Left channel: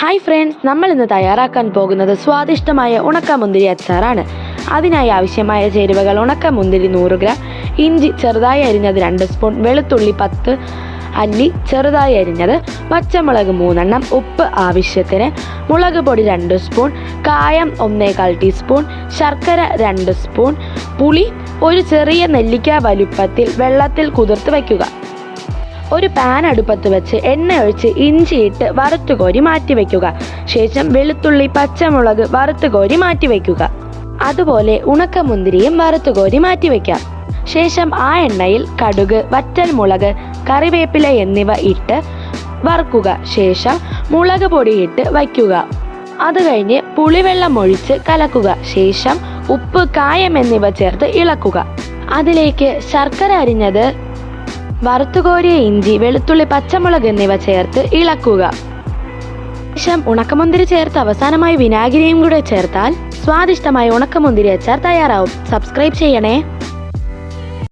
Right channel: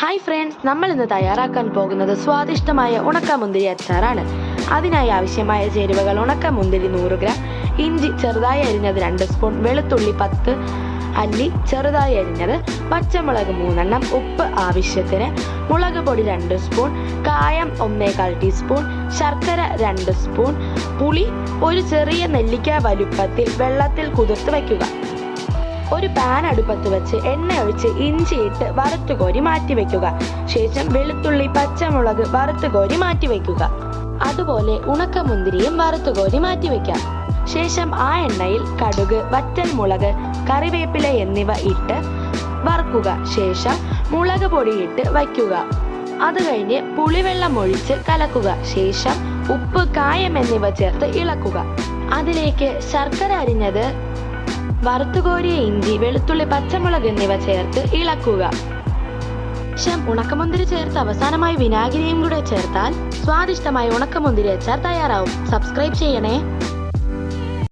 Hi friends, നമ്മൾ ഇന്ന് തയ്യാറാക്കാൻ പോകുന്നത് സ്വാദിഷ്ടമായ ഉണക്കമുന്തിരി അച്ചാറാണ്. അതിനായി ആവശ്യമായ ചേരുവകൾ: ഉണക്കമുന്തിരി 100 ഗ്രാം, ഇഞ്ചി ചെറുതായി അരിഞ്ഞത് 2 സ്പൂൺ, വെളുത്തുള്ളി 10 അല്ലി ചെറുതായി അരിഞ്ഞത്, പച്ചമുളക് 3 എണ്ണം, ഉപ്പ് ആവശ്യത്തിന്, മുളക് പൊടി 2 സ്പൂൺ, കായം 1/4 ടീസ്പൂൺ, ശർക്കര 2 സ്പൂൺ, പുളി ഒരു ചെറിയ നെല്ലിക്ക വലുപ്പത്തിൽ വെള്ളത്തിൽ കുതിർത്ത് വയ്ക്കുക. ഒരു പാൻ അടുപ്പത്ത് വെച്ച് എണ്ണ ഒഴിച്ച് ഇഞ്ചിയിട്ട് വറുത്തുകോരി മാറ്റിവെക്കുക. ശേഷം വെളുത്തുള്ളി പച്ചമുളക് വറുത്തുകോരി മാറ്റിവെക്കുക. അതുപോലെ ഉണക്കമുന്തിരിയും വറുത്തുകോരി മാറ്റിവെക്കാം. ശേഷം ആ എണ്ണയിൽ കടുക്, വറ്റൽമുളക്, കറിവേപ്പില എന്നിവ ഇട്ട് വറുക്കുക. ശേഷം മുളക് പൊടിയിട്ട് വയ്ക്കുക. അത് കഴിഞ്ഞ് പുളിവെള്ളം ഒഴിച്ച് കലക്കുക. ശേഷം ഉപ്പ്, കായം എന്നിവ ചേർത്ത് ഇളക്കുക. അതിലേക്ക് ശർക്കര അരിഞ്ഞത്, വറുത്തുകോരിയ ഇഞ്ചി, വെളുത്തുള്ളി, പച്ചമുളക് എന്നിവ ചേർത്ത് ഇളക്കുക. ശേഷം ഉണക്കമുന്തിരി ചേർത്ത് അവസാനമായി വിനാഗിരിയും കൂടെ ചേർത്താൽ സ്വാദിഷ്ടമായ ഉണക്കമുന്തിരി അച്ചാർ തയ്യാറാവും. സബ്സ്ക്രൈബ് ചെയ്യണേ.